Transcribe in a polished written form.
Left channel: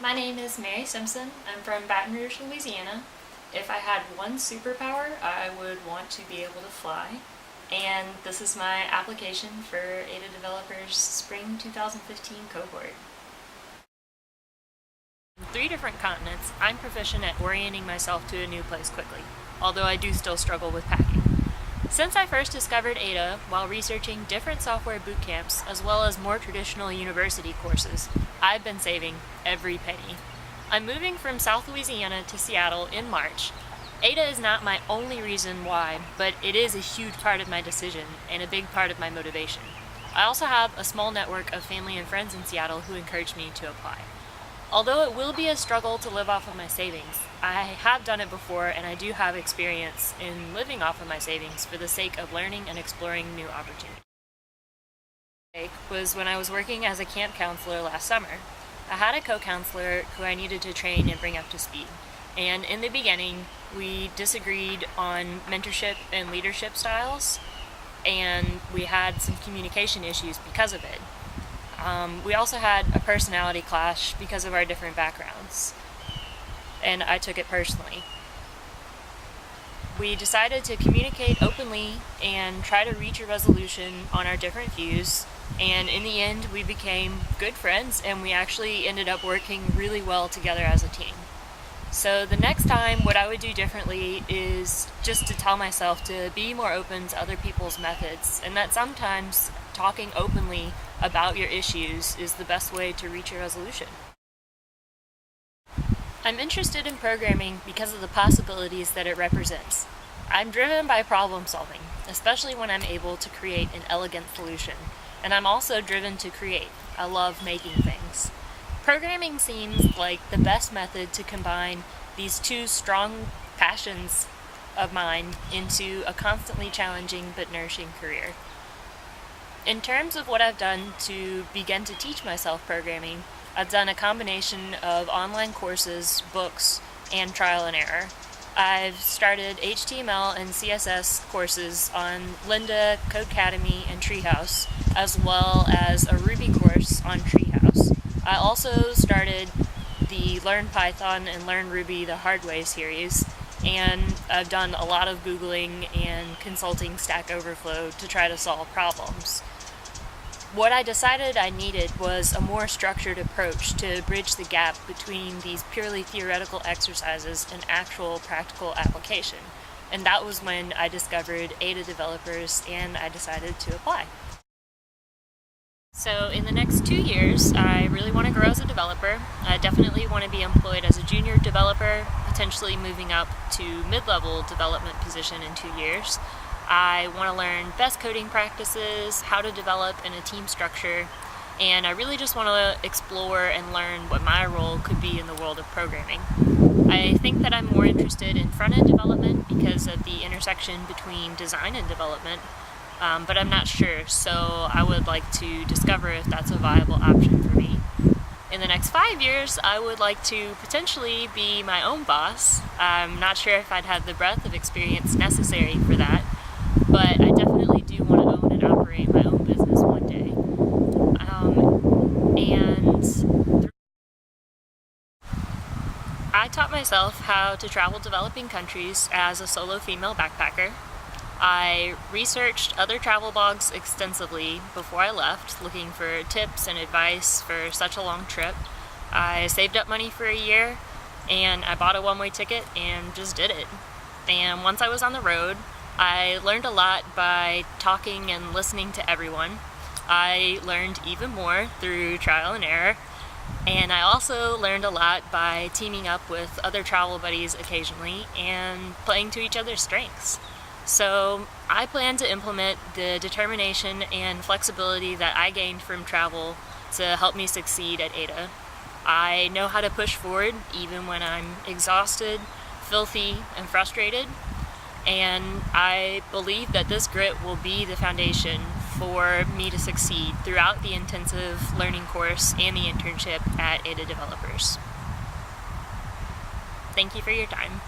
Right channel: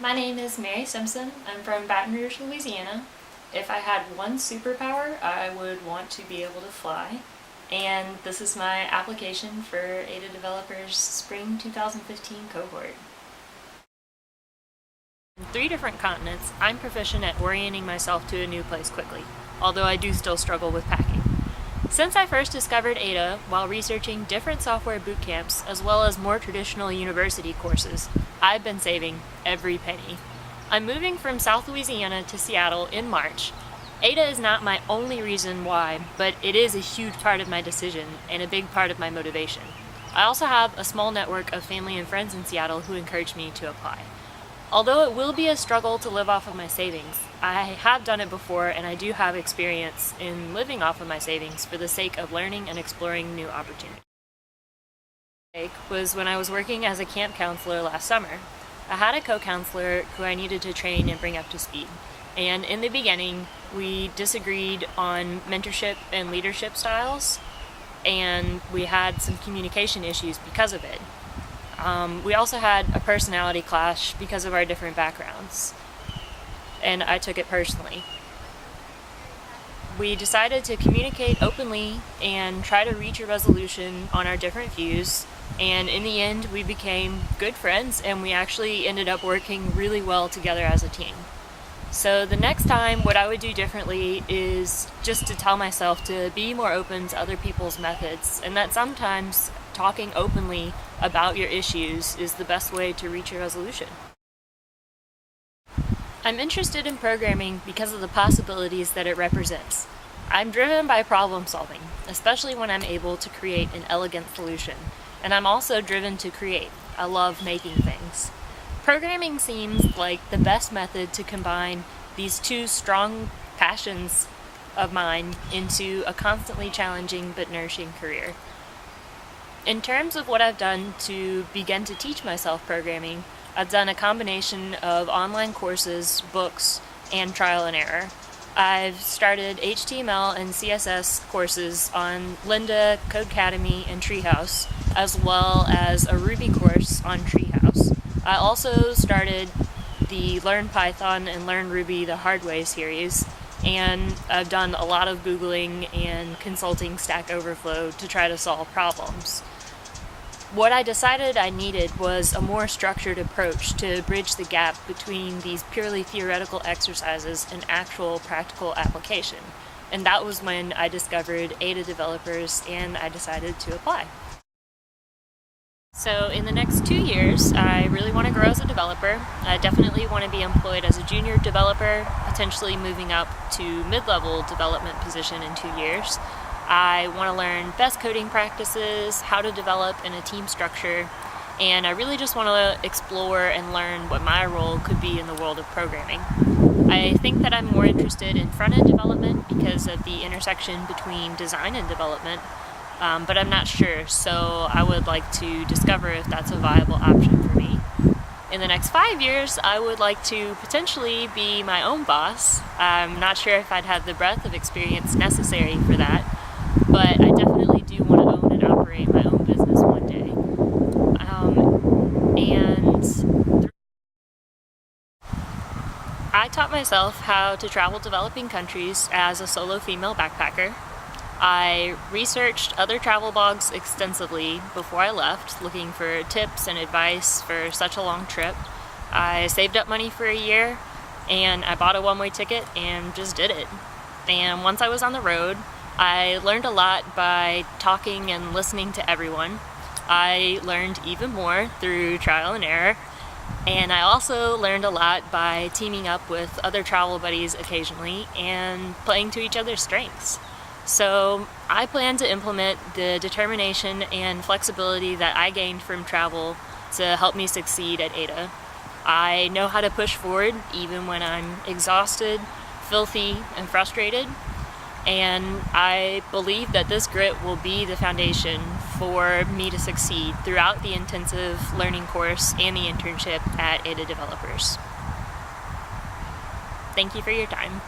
My name is Mary Simpson. I'm from Baton Rouge, Louisiana. If I had one superpower, I would want to be able to fly. And this is my application for Ada Developers Spring 2015 cohort. In 3 different continents, I'm proficient at orienting myself to a new place quickly, although I do still struggle with packing. Since I first discovered Ada while researching different software boot camps as well as more traditional university courses, I've been saving every penny. I'm moving from South Louisiana to Seattle in March. Ada is not my only reason why, but it is a huge part of my decision and a big part of my motivation. I also have a small network of family and friends in Seattle who encouraged me to apply. Although it will be a struggle to live off of my savings, I have done it before and I do have experience in living off of my savings for the sake of learning and exploring new opportunities. Was when I was working as a camp counselor last summer. I had a co-counselor who I needed to train and bring up to speed. And in the beginning, we disagreed on mentorship and leadership styles, and we had some communication issues because of it. We also had a personality clash because of our different backgrounds, and I took it personally. We decided to communicate openly and try to reach a resolution on our different views, and in the end we became good friends and we actually ended up working really well together as a team. So the next time, what I would do differently is just to tell myself to be more open to other people's methods, and that sometimes talking openly about your issues is the best way to reach a resolution. I'm interested in programming because of the possibilities that it represents. I'm driven by problem solving, especially when I'm able to create an elegant solution, and I'm also driven to create. I love making things. Programming seems like the best method to combine these 2 strong passions of mine into a constantly challenging but nourishing career. In terms of what I've done to begin to teach myself programming, I've done a combination of online courses, books, and trial and error. I've started HTML and CSS courses on Lynda, Codecademy, and Treehouse, as well as a Ruby course on Treehouse. I also started the Learn Python and Learn Ruby the Hard Way series, and I've done a lot of Googling and consulting Stack Overflow to try to solve problems. What I decided I needed was a more structured approach to bridge the gap between these purely theoretical exercises and actual practical application. And that was when I discovered Ada Developers and I decided to apply. So in the next 2 years, I really want to grow as a developer. I definitely want to be employed as a junior developer, potentially moving up to mid-level development position in 2 years. I want to learn best coding practices, how to develop in a team structure, and I really just want to explore and learn what my role could be in the world of programming. I think that I'm more interested in front-end development because of the intersection between design and development, but I'm not sure, so I would like to discover if that's a viable option for me. In the next 5 years, I would like to potentially be my own boss. I'm not sure if I'd have the breadth of experience necessary for that, but I definitely do want to own and operate my own business one day. I taught myself how to travel developing countries as a solo female backpacker. I researched other travel blogs extensively before I left, looking for tips and advice for such a long trip. I saved up money for a year, and I bought a one-way ticket and just did it. And once I was on the road, I learned a lot by talking and listening to everyone. I learned even more through trial and error, and I also learned a lot by teaming up with other travel buddies occasionally and playing to each other's strengths. So I plan to implement the determination and flexibility that I gained from travel to help me succeed at Ada. I know how to push forward even when I'm exhausted, filthy, and frustrated. And I believe that this grit will be the foundation for me to succeed throughout the intensive learning course and the internship at Ada Developers. Thank you for your time.